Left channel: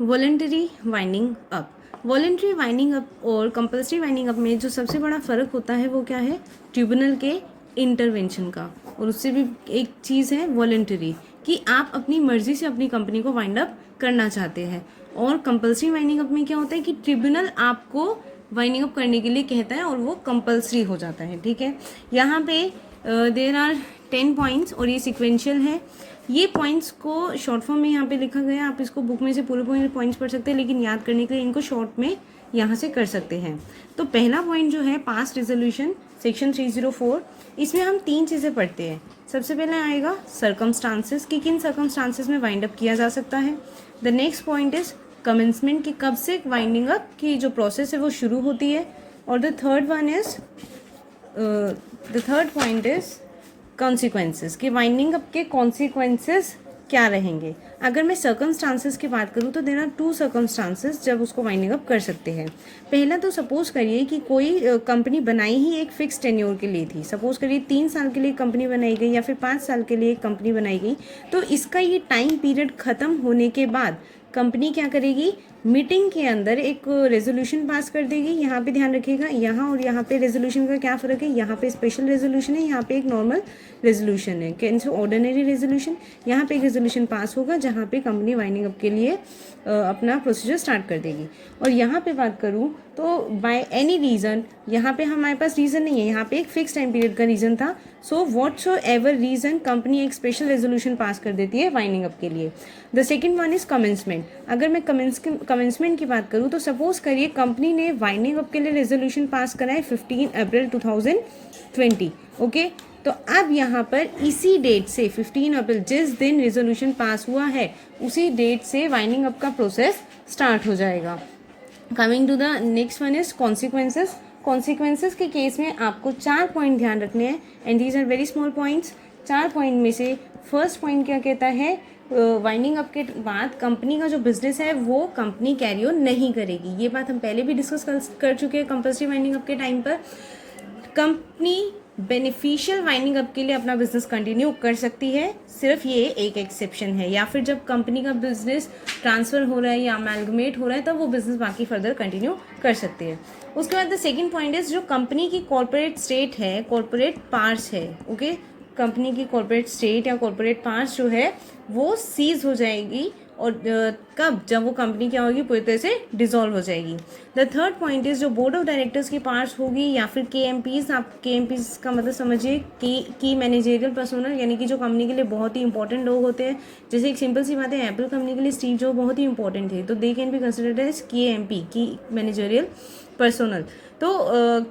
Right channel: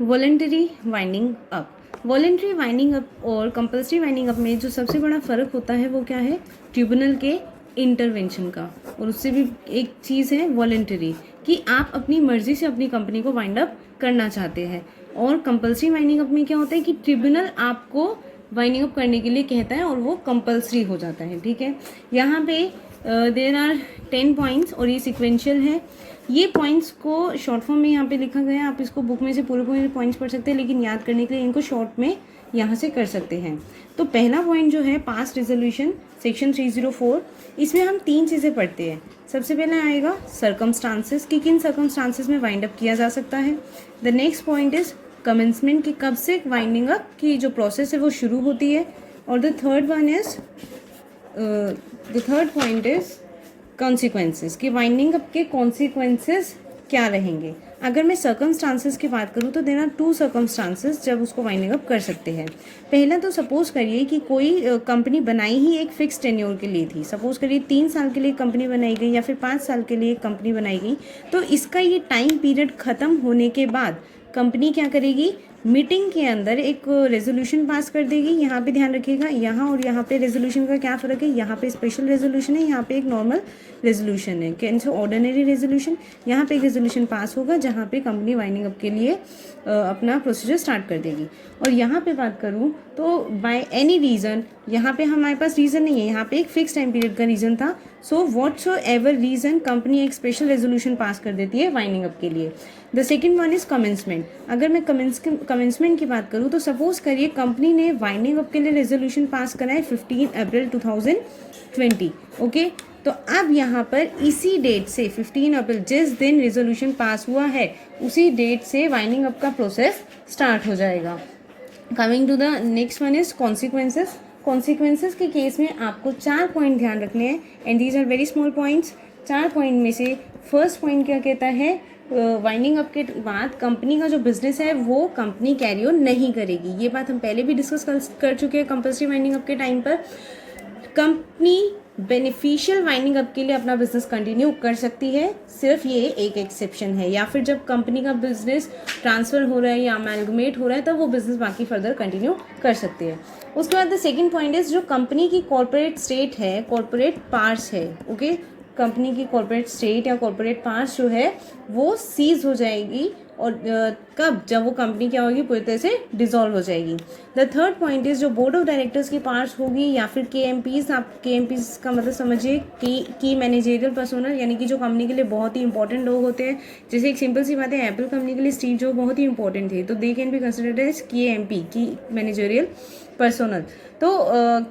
Voluntary winding up. Voluntary winding up और compulsory winding up में जो सबसे बड़ा फ़र्क होता है वो क्या है? ट्रिब्यूनल के इंटरवेंशन का। और उससे भी एक चीज़ है वॉलेंटरी, कि आप अपनी मर्जी से अपनी कंपनी को वाइंड अप करना चाहते हैं। और कंपल्सरी वाइंडिंग अप में क्या होता है कि ट्रिब्यूनल आपको वाइंडिंग अप करने के लिए कहता है और वो कंपल्सरी हो जाता है। ठीक है, यहाँ पे देर आर 10 पॉइंट्स और ये सिक्वेंशियल है। ये पॉइंट्स को शॉर्ट फॉर्म में यहाँ पे लिखा गया है, आप इसको बुक में से पूरे पूरे पॉइंट्स पढ़ सकते हैं, लेकिन याद करने के लिए इनको शॉर्ट में यहाँ से कर सकते हैं। तो पहला पॉइंट जो है पास्ट रेजोल्यूशन सेक्शन 304, इसमें हम 3 चीज़ें पढ़ते हैं। सबसे पहले आएगा सर्कमस्टांसेस, कि किन सर्कमस्टांसेस में वाइंड अप किया जा सकता है। The next point is commencement, कि कब से वाइंडिंग अप की जो प्रोसेस है वो शुरू होती है। और the third point is consequences, कि वाइंडिंग अप के कॉन्सिक्वेंसेस क्या रहेंगे। अगर मैं सर्कमस्टांसेस की बात करूँ तो देयर आर 2 सर्कमस्टांसेस जब उसको वाइंडिंग अप कर सकते हैं। पहला तो सपोज करिए कि कोई कंपनी बनाई ही एक फिक्स टेन्योर के लिए थी। सपोज करिए 3 साल के लिए कंपनी बनाई गई या फिर 5 साल के लिए कंपनी बनाई गई। तो इसका ये टाइम पीरियड खत्म होने के बाद कंपनी क्या करेगी? मीटिंग के अंदर एक रेजोल्यूशन पास कर देगी। यहाँ पे ध्यान रखिएगा, यहाँ और यहाँ पे रेजोल्यूशन का क्या फ़र्क है? यहाँ पे स्पेशल रेजोल्यूशन है, यहाँ पे एक नॉर्मल रेजोल्यूशन है, कैसे ऑर्डिनरी रेजोल्यूशन। यहाँ पे एक रेजोल्यूशन पास होगा जहाँ पे कंपनी वाइंडिंग अप के लिए अपना प्रोसीजर स्टार्ट कर देगी। और यहाँ पे बात करूँ तो बाय एनी रीज़न, यहाँ पे हमारे पास रीज़न नहीं है, यहाँ पे एक फिक्स टाइम पीरियड का रीज़न था। सो व्हाट्सो एवर रीज़न कंपनी एक स्पेशल रेजोल्यूशन पास कर देती है वाइंडिंग अप के लिए। The second one is commencement. अगर मैं कमेंसमेंट की बात करूँ तो सपोज करिए कंपनी ने वाइंडिंग अप के लिए रेजोल्यूशन पास करा है 15 अप्रैल 2020। ओके, तो अब यहाँ पर इसी डेट से 15 अप्रैल, जिस दिन रेजोल्यूशन पास हुआ है उसी डेट से वाइंडिंग अप का प्रोसेस स्टार्ट हो जाएगा। Coming to the next one is consequences. Consequences के केस में आपको 4 पॉइंट ध्यान रखने हैं, and these are very small points. 4 point में से फर्स्ट पॉइंट क्या कहता है? वाइंडिंग अप के बाद कंपनी का जो बिजनेस है वो कंपनी कैरी ऑन नहीं करेगी। ये बात हम पहले भी डिस्कस कर चुके हैं कंपल्सरी वाइंडिंग अप के टाइम पर। कंपनी बेनिफिशियल वाइंडिंग अप के लिए अपना बिजनेस कंटिन्यू कर सकती है, सिर्फ ये एक एक्सेप्शन है, या फिर जब कंपनी का बिजनेस ट्रांसफर हो रहा है या अमेलगमेट हो रहा है तब वो बिजनेस बाकी फर्दर कंटिन्यू कर सकती है। उसके बाद द सेकंड पॉइंट इज जो कंपनी की कॉर्पोरेट स्टेट है, कॉर्पोरेट पार्ट्स है, ओके, कंपनी की कॉर्पोरेट स्टेट या कॉर्पोरेट पार्ट्स जो है वो सीज हो जाएगी। और कब? जब वो कंपनी क्या होगी? पूरी तरह से डिसॉल्व हो जाएगी। द थर्ड पॉइंट इज जो बोर्ड ऑफ डायरेक्टर्स की पार्ट्स होगी या फिर KMPs, आप KMPs का मतलब समझिए की मैनेजरियल पर्सोनल, यानी कि जो कंपनी के लिए बहुत ही इंपॉर्टेंट लोग होते हैं। जैसे एक सिंपल सी बात है, एप्पल कंपनी के लिए स्टीव जॉब बहुत ही इंपॉर्टेंट थे, तो they can be considered as KMP, की मैनेजरियल पर्सोनल। तो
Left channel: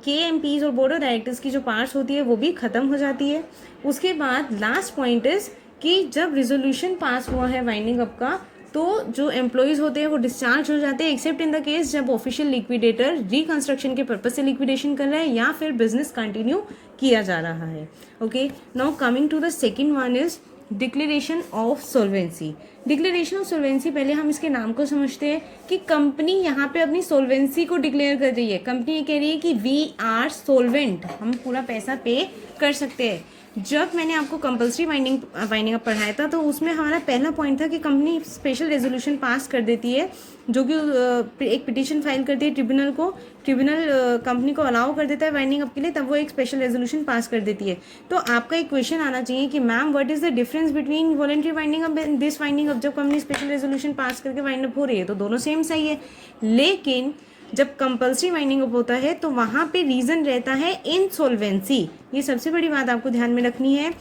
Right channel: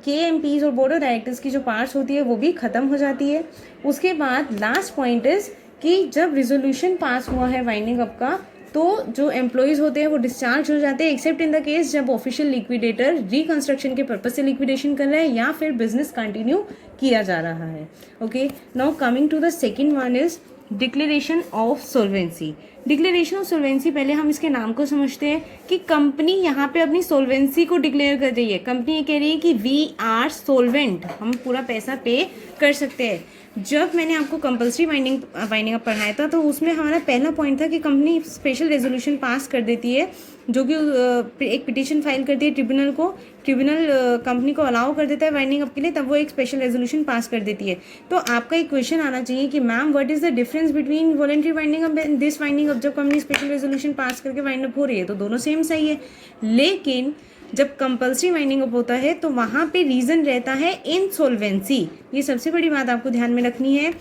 KMPs और बोर्ड ऑफ डायरेक्टर्स की जो पार्ट्स होती है वो भी खत्म हो जाती है। उसके बाद लास्ट पॉइंट इज कि जब रिजोल्यूशन पास हुआ है वाइंडिंग अप का, तो जो एम्प्लॉयज़ होते हैं वो डिस्चार्ज हो जाते हैं, एक्सेप्ट इन द केस जब ऑफिशियल लिक्विडेटर रिकंस्ट्रक्शन के पर्पज से लिक्विडेशन कर रहा है या फिर बिजनेस कंटिन्यू किया जा रहा है। Okay, now coming to the second one is declaration of solvency. Declaration of solvency, पहले हम इसके नाम को समझते हैं कि कंपनी यहाँ पे अपनी सोल्वेंसी को डिक्लेयर कर रही है। कंपनी ये कह रही है कि वी आर सोल्वेंट, हम पूरा पैसा पे कर सकते हैं। जब मैंने आपको कंपल्सरी वाइंडिंग अप पढ़ाया था तो उसमें हमारा पहला पॉइंट था कि कंपनी स्पेशल रेजोल्यूशन पास कर देती है, जो कि एक पिटीशन फाइल करती है ट्रिब्यूनल को। ट्रिब्यूनल कंपनी को अलाउ कर देता है वाइंडिंग अप के लिए, तब वो एक स्पेशल रेजोल्यूशन पास कर देती है। तो आपका एक क्वेश्चन आना चाहिए कि ma'am what is the difference between voluntary winding up and this winding up. जब कंपनी स्पेशल रेजोल्यूशन पास करके वाइंड अप हो रही है तो दोनों सेम सही है, लेकिन जब कंपल्सरी वाइंडिंग अप होता है तो वहां पे रीजन रहता है इनसॉल्वेंसी। ये सबसे बड़ी बात आपको ध्यान में रखनी है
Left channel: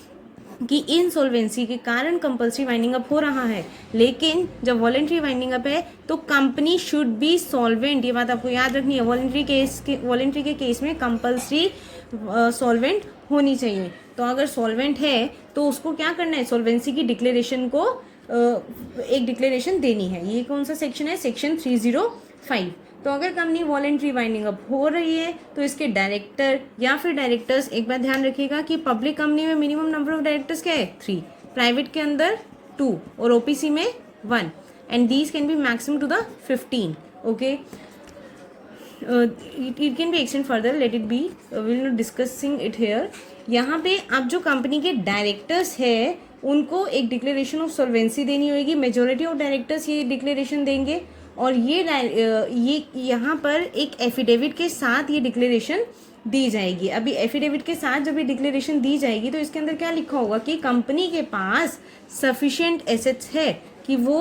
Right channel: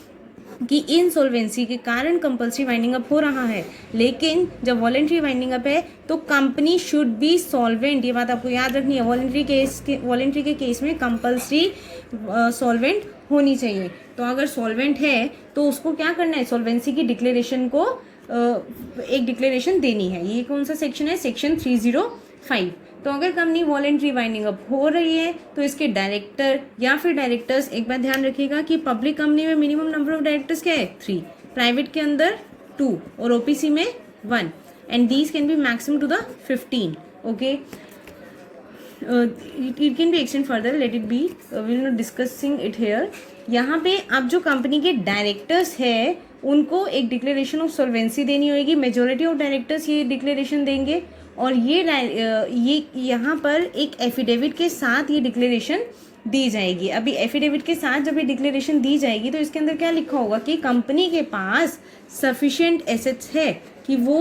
कि इनसॉल्वेंसी के कारण कंपल्सरी वाइंडिंग अप हो रहा है, लेकिन जब वॉलंटरी वाइंडिंग अप है तो कंपनी शुड बी सॉल्वेंट। ये बात आपको याद रखनी है। वॉलंटरी के केस में कंपल्सरी सॉल्वेंट होनी चाहिए। तो अगर सॉल्वेंट है तो उसको क्या करना है? सॉल्वेंसी की डिक्लेरेशन को एक डिक्लेरेशन देनी है। ये कौन सा सेक्शन है? सेक्शन 305। तो अगर कंपनी वॉलंटरी वाइंडिंग अप हो रही है तो इसके डायरेक्टर या फिर डायरेक्टर्स, एक बार ध्यान रखिएगा कि पब्लिक कंपनी में मिनिमम नंबर ऑफ डायरेक्टर्स क्या है? 3, प्राइवेट के अंदर 2 और OPC में 1, and these can be maximum to the 15। Okay, it can be extend further, let it be, we will discussing it here. यहाँ पे अब जो कंपनी के डायरेक्टर्स है उनको एक डिक्लेरेशन ऑफ सॉल्वेंसी देनी होगी। मेजोरिटी ऑफ डायरेक्टर्स ये डिक्लेरेशन देंगे और ये यहाँ पर एक एफिडेविट के साथ ये डिक्लेरेशन दी जाएगी। अभी एफिडेविट के साथ जब ये डिक्लेरेशन दी जाएगी तो इसके अंदर क्या लिखा होगा कि कंपनी के पास सफिशिएंट एसेट्स है कि वो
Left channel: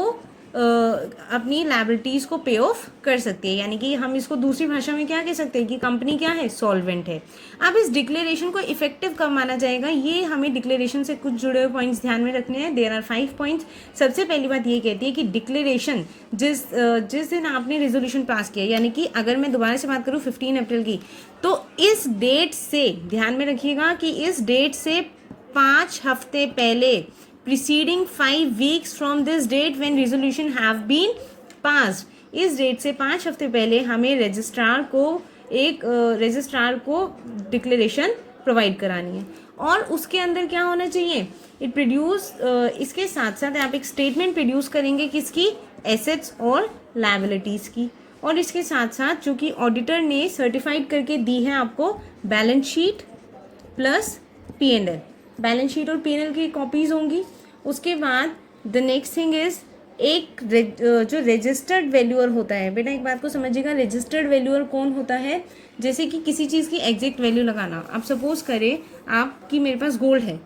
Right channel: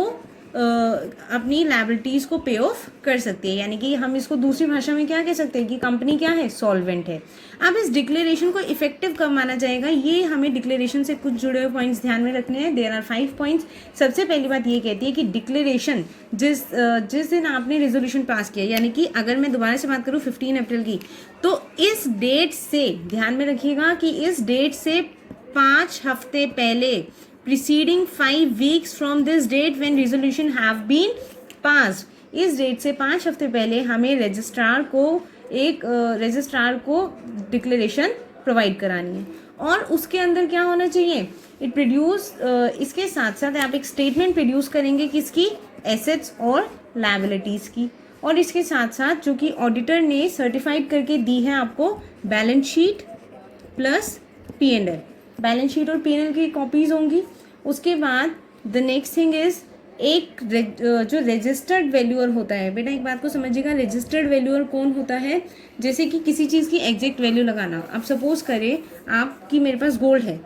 अपनी लायबिलिटीज को पे ऑफ कर सकती है, यानी कि हम इसको दूसरी भाषा में क्या कह सकते हैं कि कंपनी क्या है, सॉल्वेंट है। अब इस डिक्लेरेशन को इफेक्टिव कब माना जाएगा, ये हमें डिक्लेरेशन से कुछ जुड़े हुए पॉइंट्स ध्यान में रखने हैं। There are 5 points. सबसे पहली बात ये कहती है कि डिक्लेरेशन जिस दिन आपने रेजोल्यूशन पास किया, यानी कि अगर मैं दोबारा से बात करूं 15 अप्रैल की, तो इस डेट से ध्यान में रखिएगा कि इस डेट से 5 हफ्ते पहले, preceding 5 weeks from this date when resolution have been passed, इस डेट से 5 हफ्ते पहले हमें रजिस्ट्रार को डिक्लेरेशन प्रोवाइड करानी है। और उसके अंदर क्या होना चाहिए, इसके साथ साथ आप एक स्टेटमेंट प्रोड्यूस करेंगे किसकी, एसेट्स और लायबिलिटीज की। और इसके साथ साथ जो कि ऑडिटर ने सर्टिफाइड करके दी है आपको, balance sheet plus P&L, balance sheet और P&L की कॉपीज होंगी। उसके बाद द नेक्स्ट थिंग इज एक जो रजिस्टर्ड वैल्यूअर होता है, बेटा एक बात को समझिएगा, रजिस्टर्ड वैल्यूअर कौन होता है, जैसे कि किसी चीज़ की एग्जैक्ट वैल्यू लगाना। आप सपोज करें आपकी मेरे पास गोल्ड है,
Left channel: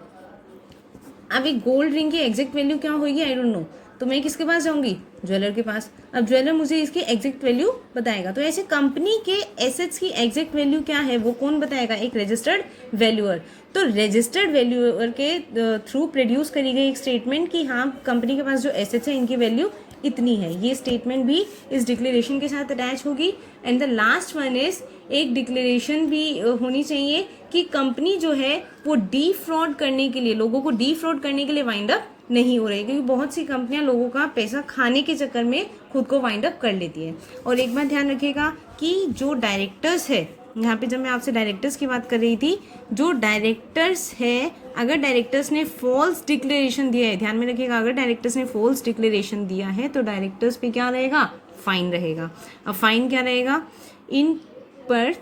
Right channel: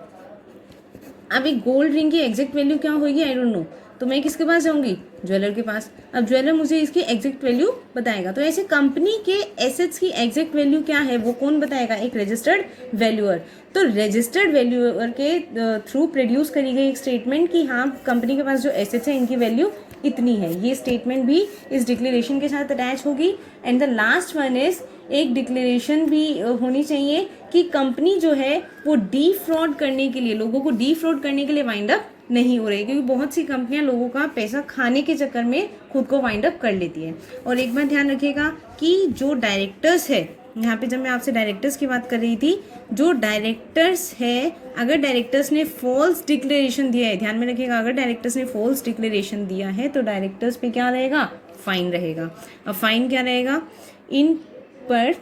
अब एक गोल्ड रिंग की एग्जैक्ट वैल्यू क्या होगी आई डोंट नो, तो मैं किसके पास जाऊंगी, ज्वेलर के पास। अब ज्वेलर मुझे इसकी एग्जैक्ट वैल्यू बताएगा। तो ऐसे कंपनी के एसेट्स की एग्जैक्ट वैल्यू क्या है वो कौन बताएगा, एक रजिस्टर्ड वैल्यूअर। तो रजिस्टर्ड वैल्यूअर के थ्रू प्रोड्यूस करी गई एक स्टेटमेंट कि हाँ कंपनी के पास जो एसेट्स है इनकी वैल्यू इतनी है, ये स्टेटमेंट भी इस डिक्लेरेशन के साथ अटैच होगी। And the last one is एक डिक्लेरेशन भी होनी चाहिए कि कंपनी जो है वो डीफ्रॉड करने के लिए, लोगों को डीफ्रॉड करने के लिए वाइंड अप नहीं हो रही, क्योंकि बहुत सी कंपनियां लोगों का पैसा खाने के चक्कर में खुद को वाइंड अप कर लेती है। और एक बात ध्यान रखिएगा कि जो डायरेक्टर्स है, यहाँ पे जब मैं आपसे डायरेक्टर्स की बात कर रही थी, जो डायरेक्टर्स है, अगर डायरेक्टर्स ने फॉल्स डिक्लेरेशन दिया है, ध्यान में रखिएगा, अगर डायरेक्टर्स ने फॉल्स डिक्लेरेशन दिया है तो डायरेक्टर्स पे क्या रहेगा, फाइन रहेगा। अब फाइन क्या रहेगा, इन पर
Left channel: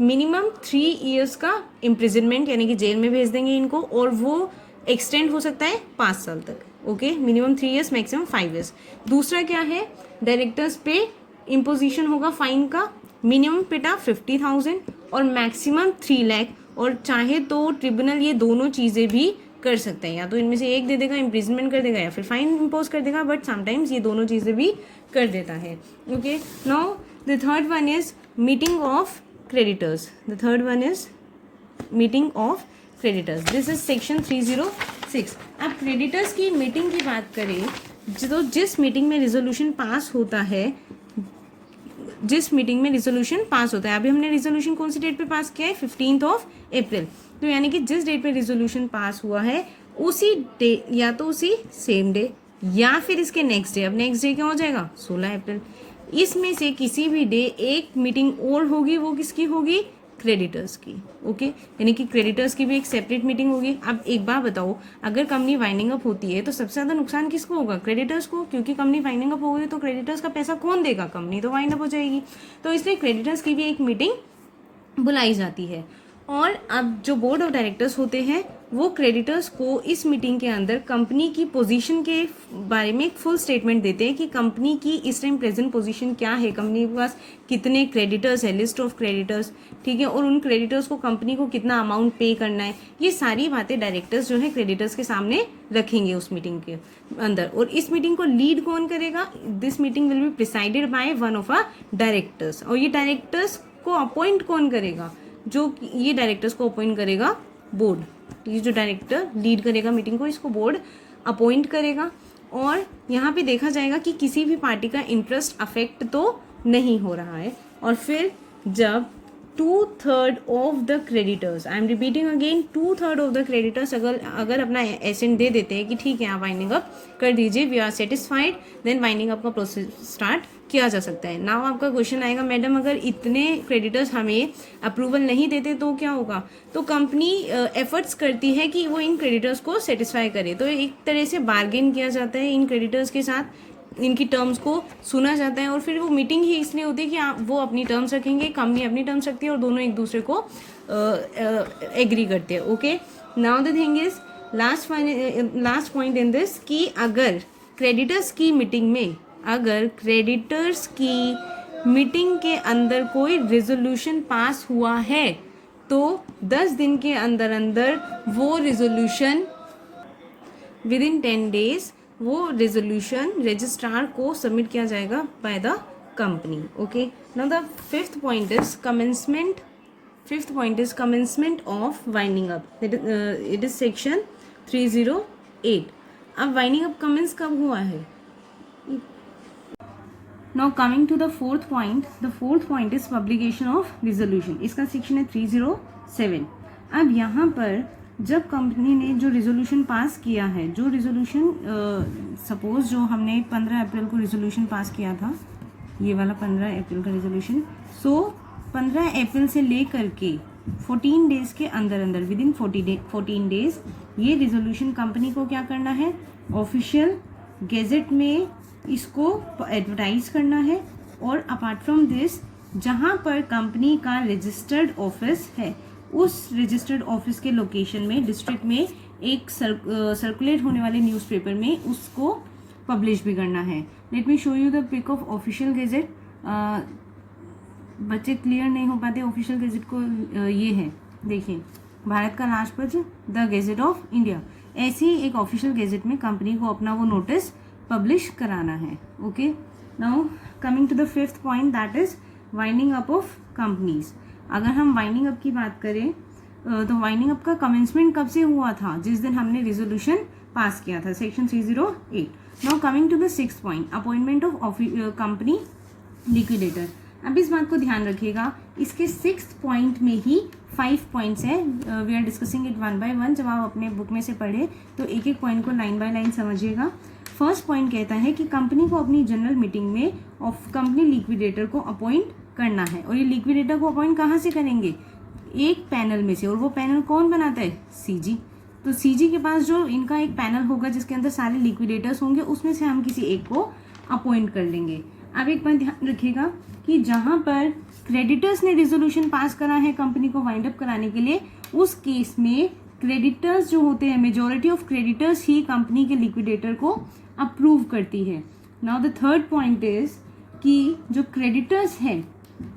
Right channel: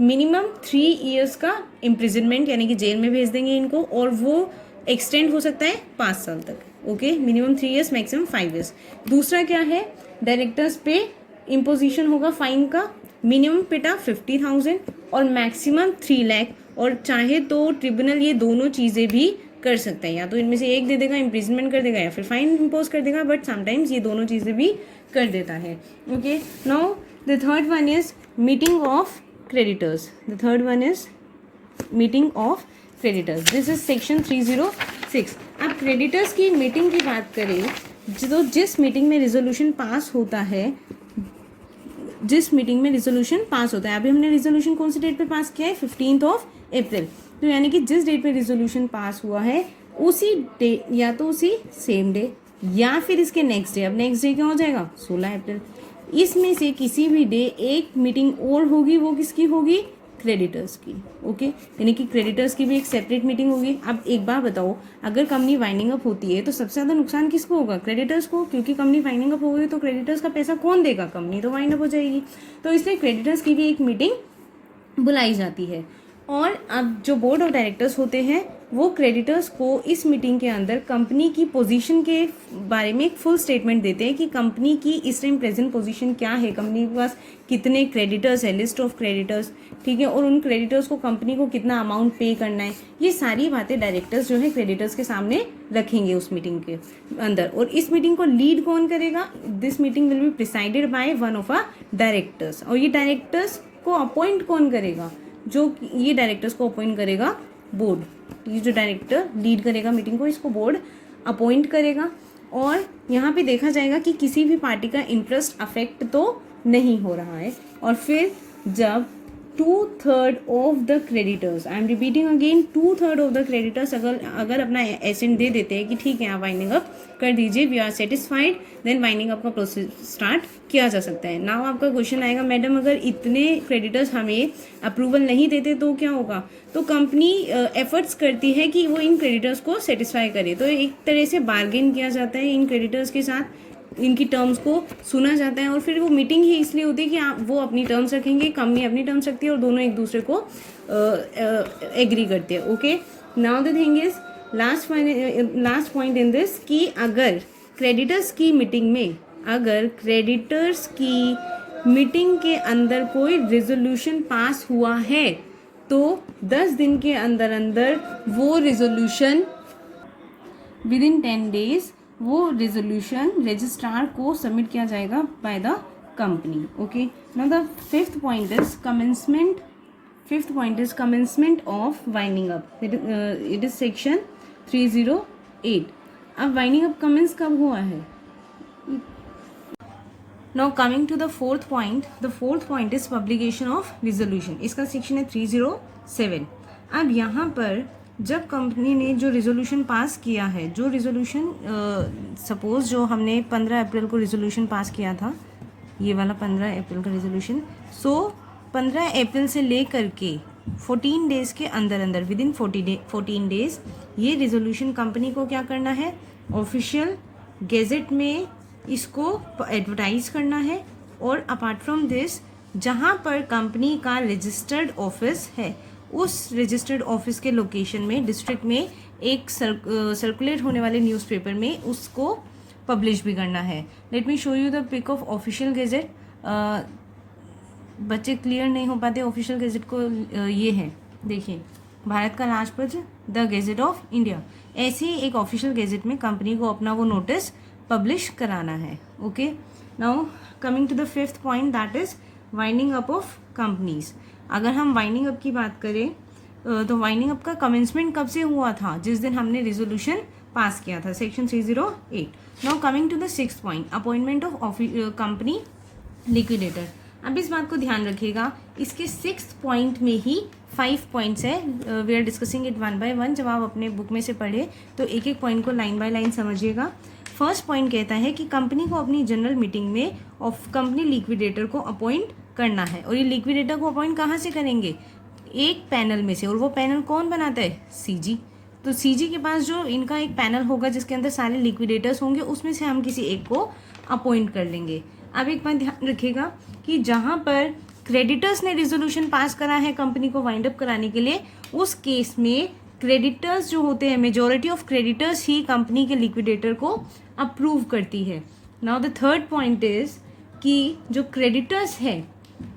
मिनिमम 3 years का इम्प्रिजनमेंट, यानी कि जेल में भेज देंगे इनको, और वो एक्सटेंड हो सकता है 5 साल तक। Okay, minimum 3 years, maximum 5 years। दूसरा क्या है, डायरेक्टर्स पे इम्पोजिशन होगा फाइन का, मिनिमम पेटा 50,000 और मैक्सिमम 3 लाख। और चाहे तो ट्रिब्यूनल ये दोनों चीज़ें भी कर सकते हैं, या तो इनमें से एक दे देगा, इम्प्रिजनमेंट कर देगा, या फिर फाइन इम्पोज कर देगा, बट समटाइम्स ये दोनों चीज़ें भी कर देता है। Okay, now the third one is meeting of creditors. The third one is meeting of creditors, this is section 306। अब क्रेडिटर्स की मीटिंग की बात करें, तो जिस मीटिंग में रिजोल्यूशन पास होता है, अभी हमने रिजोल्यूशन कौन सी डेट पे पास किया है, 15 अप्रैल। तो यानी कि जिस डेट पे रिजोल्यूशन पास हुआ है उसी डे, या तो उसी सेम डे या फिर इसके नेक्स्ट डे। अब नेक्स्ट डे क्या हो जाएगा, 16 अप्रैल। इसमें से किसी भी डे एक मीटिंग और होगी, वो किसकी होगी, क्रेडिटर्स की। ओके, यानी कि क्रेडिटर्स की भी एक सेपरेट मीटिंग होगी। अब एक बात बताओ, अगर कंपनी वाइंडिंग अप होती है तो सबसे ज्यादा नुकसान किसको होगा, क्रेडिटर्स को, क्योंकि कंपनी वाइंडिंग अप हो गई तो क्रेडिटर्स का पैसा कौन देगा, कंपनी तो वाइंड अप हो जाएगी। तो इसलिए क्रेडिटर्स की भी एक मीटिंग बुलाई जाती है। और अब जो बोर्ड ऑफ डायरेक्टर्स होते हैं वो क्रेडिटर्स को इस मीटिंग के अंदर कंपनी की पोजीशन के बारे में एक फुल स्टेटमेंट देते हैं कि कंपनी की इस टाइम प्रेजेंट पोजीशन क्या है, कंपनी के पास कितने क्रेडिटर्स है, लिस्ट ऑफ क्रेडिटर्स, ठीक है, और उन क्रेडिटर्स को कंपनी को कितना अमाउंट पे करना है, ये सारी बातें डायरेक्टर्स जो है क्रेडिटर्स के सामने रखेंगे उस मीटिंग के अंदर। और इस मीटिंग को लीड कौन करेगा, this meeting will be presided by one of a directors. और ये डायरेक्टर्स को अपॉइंट कौन करेगा, जो ये डायरेक्टर्स को अपॉइंट करेगा बोर्ड। ये जो डायरेक्टर लीड करेगा मीटिंग को, इसको बोर्ड अपॉइंट करेगा। और यहाँ पे देखा जाएगा कि किसी भी पार्टी का इंटरेस्ट अफेक्ट तो नहीं हो रहा है। और फिर जब 2/3 of the creditors, I am repeating again, 2/3 of the creditors अगर अपना एसेंट दे देते हैं कि ठीक है आप वाइंडिंग अप कर दीजिए, we are satisfied, then winding up का प्रोसेस स्टार्ट किया जा सकता है। नाउ आपका क्वेश्चन आएगा, मैडम अगर इतने क्रेडिटर्स हमें अप्रूवल नहीं देते तो क्या होगा। तो कंपनी एफर्ट्स करती है कि वो इन क्रेडिटर्स को सेटिस्फाई करे। तो एक तरह से बार्गेन किया जाता है इन क्रेडिटर्स के साथ, इनकी टर्म्स को सुना जाता है। और फिर वो मीटिंग ही इसलिए होती है कि वो अपनी टर्म्स रखेंगे, कंपनी अपनी टर्म्स रखती है, और दोनों एक दूसरे को एग्री करते हैं। Okay, now the thing is last point in this कि अगर क्रेडिटर्स की मीटिंग में अगर क्रेडिटर्स की मीटिंग के अंदर कोई रेजोल्यूशन पास हुआ है तो 10 दिन के अंदर अंदर वो रेजोल्यूशन विद इन 10 डेज वो रेजोल्यूशन रजिस्ट्रार को सबमिट किया जाएगा by the company. Okay, now the fifth point is commencement. Fifth point is commencement of winding up. It is section 308. अब वाइंडिंग अप कमेंस कब हुआ है? Now coming to the fourth point is publication of resolution. इसका section है 307. अब यहाँ पर जब कंपनी ने जो रिजोल्यूशन पास किया है, जो रिजोल्यूशन सपोज जो हमने 15 अप्रैल को रिजोल्यूशन पास किया था, ये वाला 15 अप्रैल का रिजोल्यूशन, सो 15 अप्रैल से लेकर के 14 डेज के अंदर अंदर विद इन 14 डेज ये रिजोल्यूशन कंपनी को क्या करना है? ऑफिशियल गेजेट में इसको एडवर्टाइज करना है. और अपार्ट फ्रॉम दिस, जहाँ पर कंपनी का रजिस्टर्ड ऑफिस है उस रजिस्टर्ड ऑफिस के लोकेशन में, डिस्ट्रिक्ट में एक सर्कुलेट होने वाले न्यूज़पेपर में उसको पब्लिश भी करना है. Let me show you the pic of official gazette. बच्चे क्लियर नहीं हो पाते ऑफिशियल गेजेट को. ये है, देखिए, भारत का राजपत्र, द गेजेट ऑफ इंडिया. ऐसे ही एक ऑफिशियल गेजेट में कंपनी को अपना वो नोटिस पब्लिश कराना है. Okay, now coming to the fifth point, that is winding up of companies. अगर हम वाइंडिंग अप की बात करें तो वाइंडिंग अप का कमेंसमेंट कब से हुआ था? जिस दिन हमने रेजोल्यूशन पास किया था, section 308. Now coming to the sixth point, appointment of company liquidator. अब इस बात को ध्यान रखिएगा, इसके सिक्स्थ पॉइंट में ही 5 पॉइंट्स है. We are discussing it one by one. जब आप अपने बुक में से पढ़े तो एक एक पॉइंट को लाइन बाय लाइन समझिएगा. फर्स्ट पॉइंट कहता है कि कंपनी को अपनी जनरल मीटिंग में ऑफ कंपनी लिक्विडेटर को अपॉइंट करना है. और ये लिक्विडेटर को अपॉइंट कहाँ से करेंगे? एक पैनल में से. और वो पैनल कौन बनाता है? सीजी. तो सीजी के पास जो इनका एक पैनल होगा जिसके अंदर सारे लिक्विडेटर्स होंगे, उसमें से हम किसी एक को अपॉइंट कर लेंगे. अब एक बात ध्यान रखिएगा कि जहाँ पर क्रेडिटर्स ने रिजोल्यूशन पास करा है कंपनी को वाइंड अप कराने के लिए, उस केस में क्रेडिटर्स जो होते हैं, majority of creditors he company के लिक्विडेटर को अप्रूव करती है. Now the third point is कि जो क्रेडिटर्स है,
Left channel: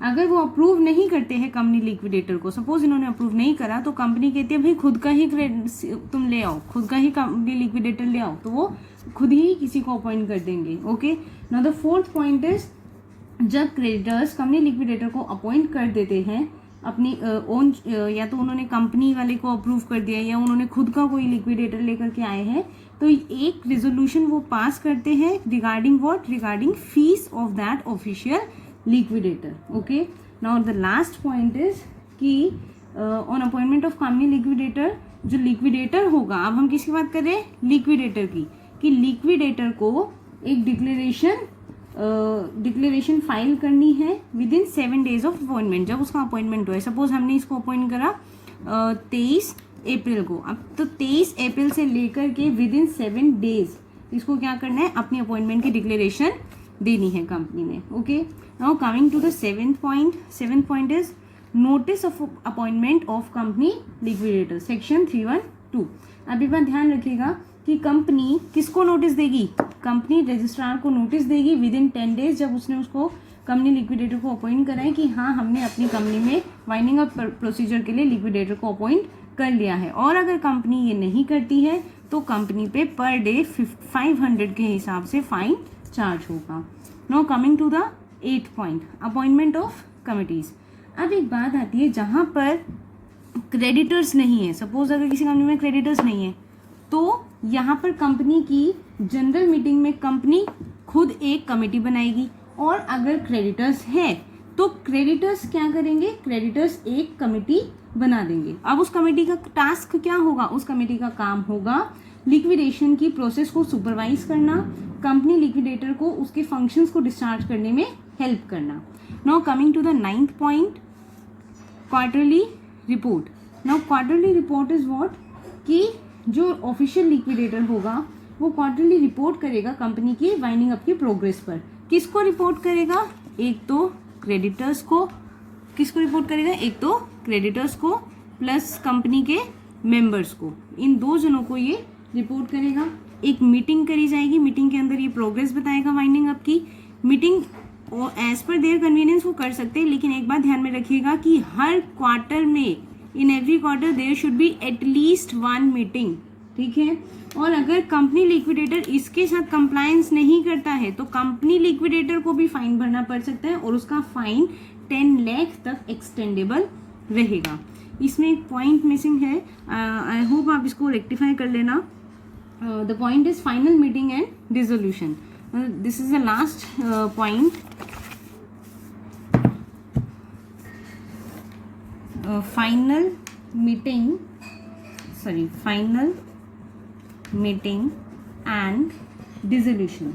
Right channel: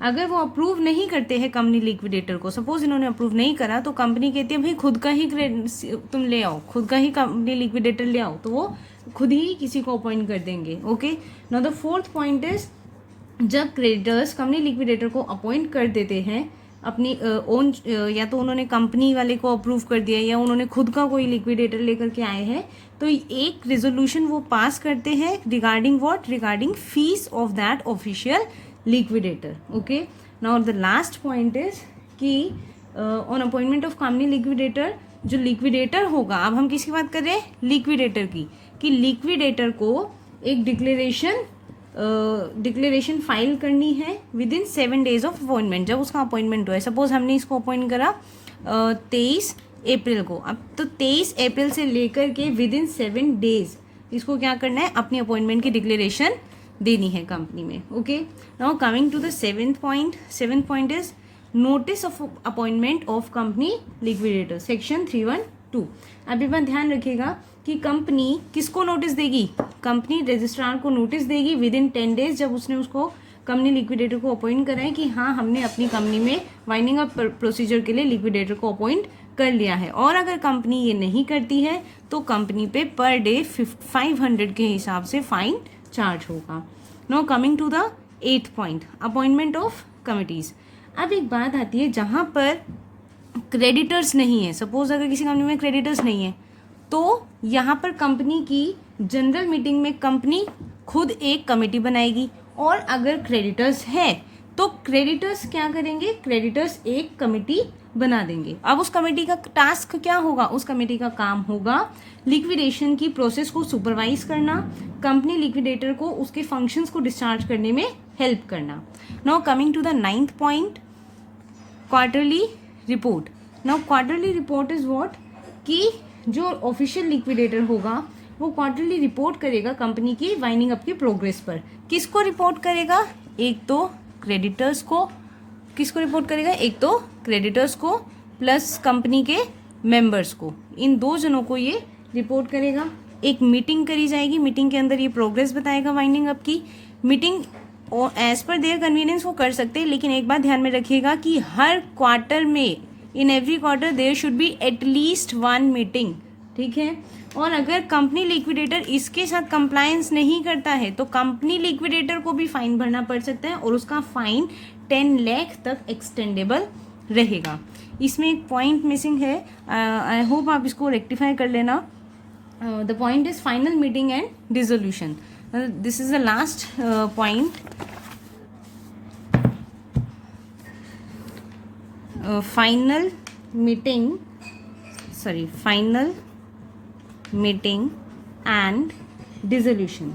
अगर वो अप्रूव नहीं करते हैं कंपनी लिक्विडेटर को, सपोज इन्होंने अप्रूव नहीं करा, तो कंपनी कहती है भाई खुद का ही तुम ले आओ, खुद का ही कंपनी लिक्विडेटर ले आओ, तो वो खुद ही किसी को अपॉइंट कर देंगे. Okay, now the fourth point is, जब क्रेडिटर्स कंपनी लिक्विडेटर को अपॉइंट कर देते हैं अपनी ओन, या तो उन्होंने कंपनी वाले को अप्रूव कर दिया या उन्होंने खुद का कोई लिक्विडेटर लेकर के आए हैं, तो एक रेजोल्यूशन वो पास करते हैं regarding what? Regarding fees of that official liquidator. Okay, now the last point is कि on appointment of company liquidator, जो लिक्विडेटर होगा, अब हम किसकी बात कर रहे हैं? लिक्विडेटर की. कि लिक्विडेटर को एक डिक्लेरेशन फाइल करनी है with in 7 days of appointment. जब उसका अपॉइंटमेंट हुआ है, सपोज हमने इसको अपॉइंट करा 23 अप्रैल को, अब तो 23 अप्रैल से लेकर के विद इन 7 डेज इसको क्या करना है? अपनी अपॉइंटमेंट की डिक्लेरेशन देनी है कंपनी में. Okay, now coming to the seventh point is notice of appointment of company liquidator, section 312. अभी बात ध्यान रखिएगा कि कंपनी किसको नोटिस देगी? कंपनी रजिस्ट्रार को नोटिस देगी विद इन 10 डेज, जब उसने उसको कंपनी लिक्विडेटर को अपॉइंट करा है कि हाँ, हमने अपनी कंपनी में वाइंडिंग अप प्रोसीजर के लिए लिक्विडेटर को अपॉइंट कर लिया है. और अगर कंपनी ये नहीं करती है तो कंपनी पे पर डे 500 के हिसाब से फाइन चार्ज होगा. Now coming to the 8th point, appointment of committees. अब एक बात आती है, जहाँ पर क्रेडिटर्स नहीं है, सपोज अगर किसी कंपनी में क्रेडिटर्स नहीं है, तो यहाँ पर कंपनी की जनरल मीटिंग में कंपनी खुद एक कमेटी बनाएगी. और अगर क्रेडिटर्स है तो क्रेडिटर्स क्या करेंगे? क्रेडिटर्स एक कमेटी बना देंगे. अब उस कमेटी का टास्क क्या होगा? उस कमेटी का काम होगा लिक्विडेशन की प्रोसेस को सुपरवाइज करना, कंपनी लिक्विडेटर को उसके फंक्शंस को डिस्चार्ज करने में हेल्प करना. Now coming to the 9th point, quarterly report. Now quarterly report is what? कि जो ऑफिशियल लिक्विडेटर होगा वो क्वार्टरली रिपोर्ट करेगा कंपनी की वाइंडिंग अप की प्रोग्रेस पर. किसको रिपोर्ट करेगा? एक तो क्रेडिटर्स को. किसको रिपोर्ट करेगा? एक तो क्रेडिटर्स को प्लस कंपनी के मेंबर्स को. इन 2 जनों को ये रिपोर्ट करेगा. एक मीटिंग करी जाएगी, मीटिंग के अंदर ये प्रोग्रेस बताएगा वाइंडिंग अप की। मीटिंग और एज पर देयर कन्वीनियंस वो कर सकते हैं, लेकिन एक बात ध्यान में रखिएगा कि हर क्वार्टर में, in every quarter there should be at least 1 meeting, ठीक है। और अगर कंपनी लिक्विडेटर इसके साथ कंप्लायंस नहीं करता है तो कंपनी लिक्विडेटर को भी फाइन भरना पड़ सकता है, और उसका फाइन 10 लाख तक एक्सटेंडेबल रहेगा। इसमें एक पॉइंट मिसिंग है, आई होप आप इसको रेक्टिफाई कर लेना। The point is final meeting and dissolution. This is the last point. Final meeting and dissolution.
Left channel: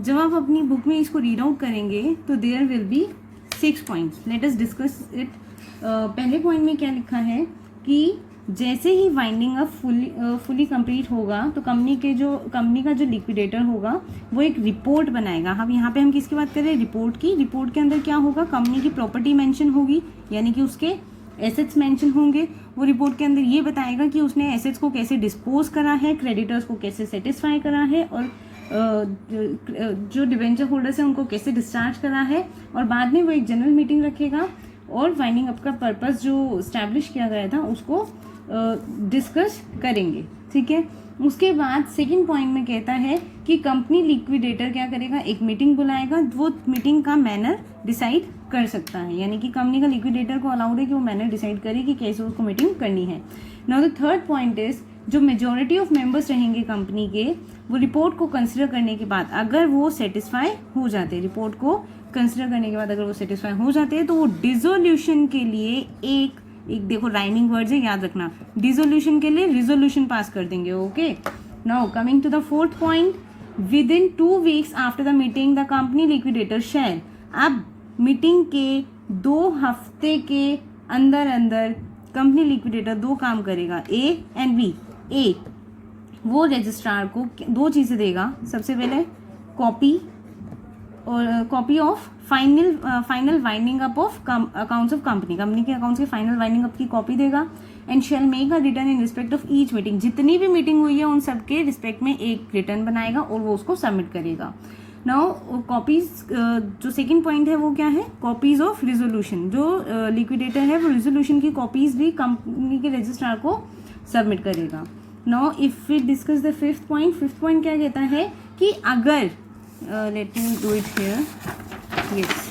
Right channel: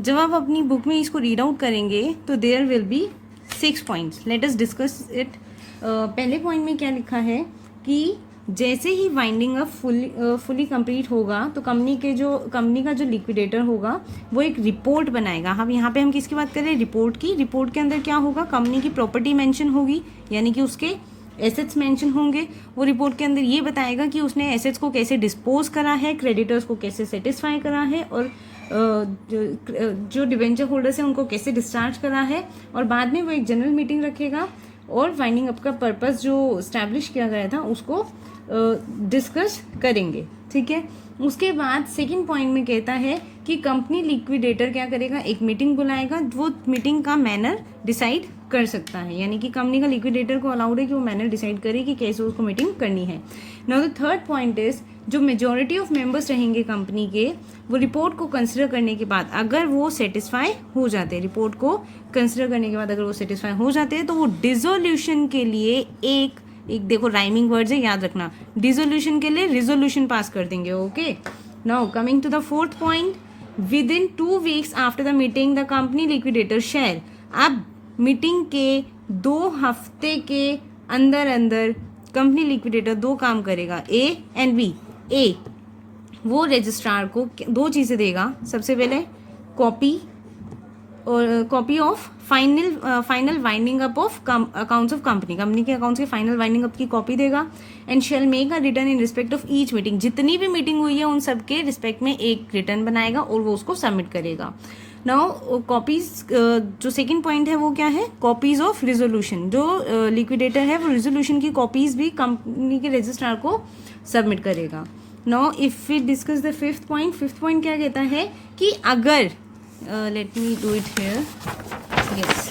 जब आप अपनी बुक में इसको रीड आउट करेंगे तो there will be 6 points. Let us discuss it. पहले पॉइंट में क्या लिखा है कि जैसे ही वाइंडिंग अप फुली कंप्लीट होगा तो कंपनी का जो लिक्विडेटर होगा वो एक रिपोर्ट बनाएगा। यहाँ पे हम किसकी बात कर रहे हैं? रिपोर्ट की। रिपोर्ट के अंदर क्या होगा? कंपनी की प्रॉपर्टी मेंशन होगी, यानी कि उसके एसेट्स मेंशन होंगे। वो रिपोर्ट के अंदर ये बताएगा कि उसने एसेट्स को कैसे डिस्पोज करा है, क्रेडिटर्स को कैसे सेटिस्फाई करा है, और जो डिबेंचर होल्डर्स हैं उनको कैसे डिस्चार्ज करा है। और बाद में वो एक जनरल मीटिंग रखेगा और वाइंडिंग अप का पर्पस जो स्टैब्लिश किया गया था उसको डिस्कस करेंगे, ठीक है। उसके बाद सेकंड पॉइंट में कहता है कि कंपनी लिक्विडेटर क्या करेगा? एक मीटिंग बुलाएगा, वो मीटिंग का मैनर डिसाइड कर सकता है, यानी कि कंपनी का लिक्विडेटर को अलाउड है कि वो मैनर डिसाइड करे कि कैसे उसको मीटिंग करनी है। Now the third point is, जो मेजॉरिटी ऑफ मेंबर्स रहेंगे कंपनी के, वो रिपोर्ट को कंसिडर करने के बाद अगर वो सेटिस्फाई हो जाते हैं, रिपोर्ट को कंसिडर करने के बाद अगर वो सेटिस्फाई हो जाते हैं तो वो डिसोल्यूशन के लिए एक देखो राइमिंग वर्ड्स है, याद रखना। डिसोल्यूशन के लिए रिजोल्यूशन पास कर देंगे, okay. Now coming to the fourth point, within 2 weeks after the meeting the company liquidator shall. अब मीटिंग के 2 हफ्ते के अंदर कंपनी लिक्विडेटर 2 काम करेगा, ए एंड बी। ए, वो रजिस्ट्रार को 2 चीज़ें देगा। सबसे पहले copy of final winding up of accounts of company के अकाउंट्स के फाइनल वाइंडिंग अप की कॉपी देगा। And shell make a return in respect of each meeting. जितनी भी मीटिंग हुई है उन सब के रिस्पेक्ट में एक रिटर्न बनाएगा और वो उसको सबमिट करेगा। नाउ कॉपीज, जो सेकंड पॉइंट है वो क्या है? Copies of resolution. जो लिक्विडेटर है वो रिजोल्यूशन की कॉपीज भी कंपनी के रजिस्ट्रार को सबमिट करेगा। Now if we discuss the fifth point क्या कहता है कि अगर let me do it here, yes,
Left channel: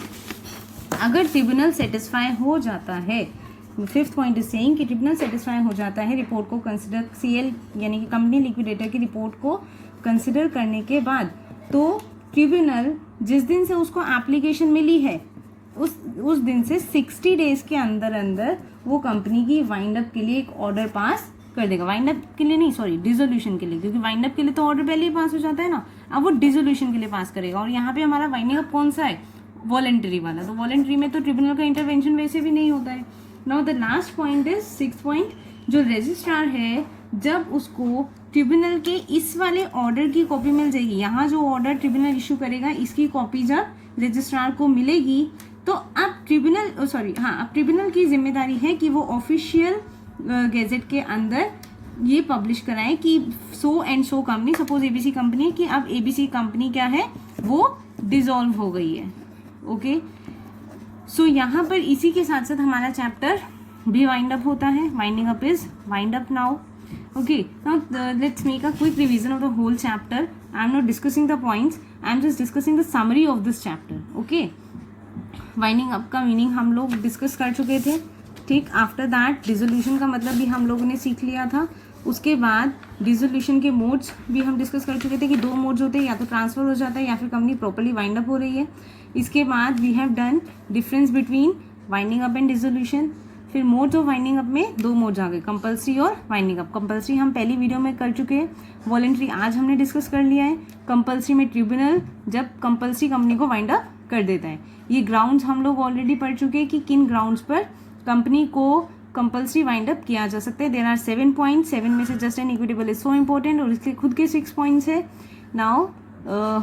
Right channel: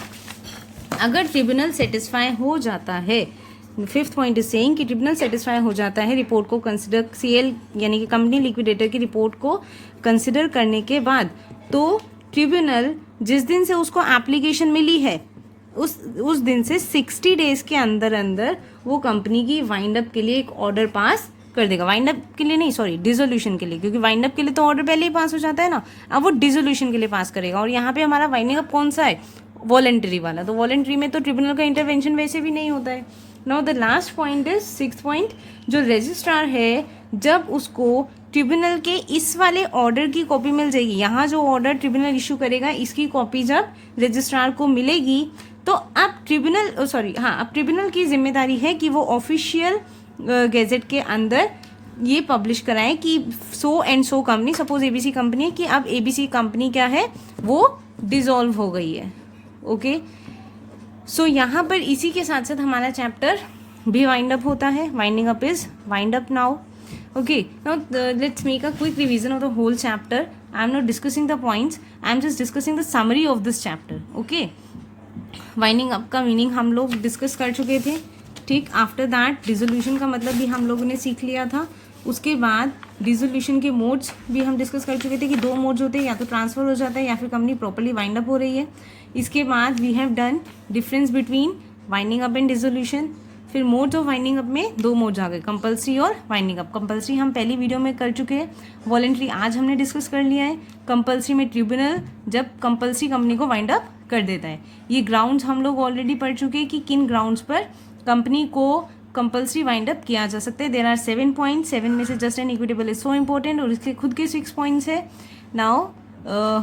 अगर ट्रिब्यूनल सेटिस्फाई हो जाता है, फिफ्थ पॉइंट इज सेइंग कि ट्रिब्यूनल सेटिस्फाई हो जाता है रिपोर्ट को कंसिडर, सीएल यानी कि कंपनी लिक्विडेटर की रिपोर्ट को कंसिडर करने के बाद, तो ट्रिब्यूनल जिस दिन से उसको एप्लीकेशन मिली है उस दिन से 60 डेज के अंदर वो कंपनी की वाइंड अप के लिए एक ऑर्डर पास कर देगा। वाइंड अप के लिए नहीं, सॉरी, डिसोल्यूशन के लिए, क्योंकि वाइंड अप के लिए तो ऑर्डर पहले ही पास हो जाता है ना। अब वो डिसोल्यूशन के लिए पास करेगा। और यहाँ पे हमारा वाइंडिंग अप कौन सा है? वॉलंटरी वाला। तो वॉलंटरी में तो ट्रिब्यूनल का इंटरवेंशन वैसे भी नहीं होता है। Now the last point is sixth point, जो रजिस्ट्रार है जब उसको ट्रिब्यूनल के इस वाले ऑर्डर की कॉपी मिल जाएगी, यहाँ जो ऑर्डर ट्रिब्यूनल इशू करेगा इसकी कॉपी जब रजिस्ट्रार को मिलेगी तो अब ट्रिब्यूनल की जिम्मेदारी है कि वो ऑफिशियल गैजेट के अंदर ये पब्लिश कराएं कि so and so company, suppose ABC company है, कि अब एबीसी कंपनी क्या है, वो डिसॉल्व हो गई है, ओके। सो यहाँ पर इसी के साथ साथ हमारा चैप्टर भी वाइंड अप होता है। Winding up is wind up now, okay. Now let's make a quick revision of the whole chapter. I am not discussing the points, I am just discussing the summary of this chapter, okay. Winding up का meaning हम लोग discuss कर चुके थे, ठीक। After that dissolution का मतलब भी हम लोगों ने सीख लिया था। उसके बाद डिसोल्यूशन के मोड्स भी हम डिस्कस कर चुके थे कि 2 मोड्स होते हैं, या तो ट्रांसफर हो जाता है या फिर कंपनी प्रॉपर्ली वाइंड अप हो रही है। इसके बाद we have done difference between winding up and dissolution. फिर मोड्स ऑफ वाइंडिंग अप में 2 मोड्स आ गए, कंपल्सरी और वाइंडिंग अप। कंपल्सरी हम पहली वीडियो में कर चुके हैं, वॉलंटरी आज हमने डिस्कस कर लिया है। कंपल्सरी में ट्रिब्यूनल जब कंपल्सरी कंपनी को वाइंड अप कर देता है। ये ग्राउंड्स हम लोग ऑलरेडी पढ़ चुके हैं कि किन ग्राउंड्स पर कंपनी को कंपल्सरी वाइंड अप किया जा सकता है। देयर आर 7 पॉइंट्स, 7 में से just and equitable is so important, और इसके खुद के 6 पॉइंट्स है। Now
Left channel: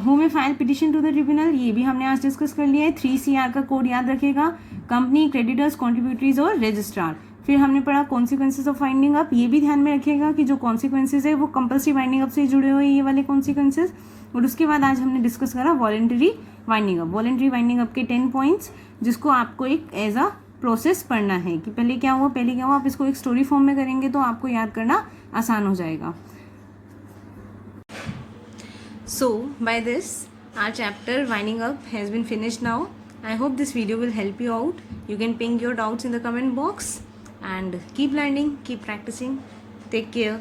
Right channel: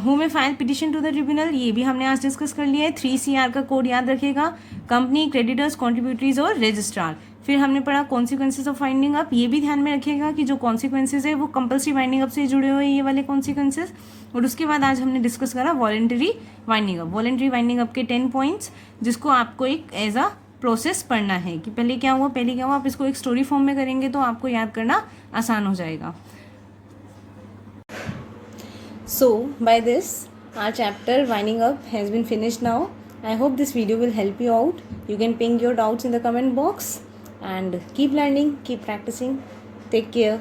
who may file petition to the tribunal, ये भी हमने आज डिस्कस कर लिया है। 3CR का कोड याद रखेगा, कंपनी, क्रेडिटर्स, कॉन्ट्रीब्यूटरीज और रजिस्ट्रार। फिर हमने पढ़ा कॉन्सिक्वेंसेज ऑफ वाइंडिंग अप। ये भी ध्यान में रखिएगा कि जो कॉन्सिक्वेंसेज है वो कंपल्सरी वाइंडिंग अप से जुड़े हुए ये वाले कॉन्सिक्वेंसेज। और उसके बाद आज हमने डिस्कस करा voluntary winding up. Voluntary winding up के 10 पॉइंट्स जिसको आपको एक एज अ प्रोसेस पढ़ना है कि पहले क्या हुआ, आप इसको एक स्टोरी फॉर्म में करेंगे तो आपको याद करना आसान हो जाएगा। So by this our chapter winding up has been finished now. I hope this video will help you out. You can ping your doubts in the comment box and keep learning, keep practicing. Take care.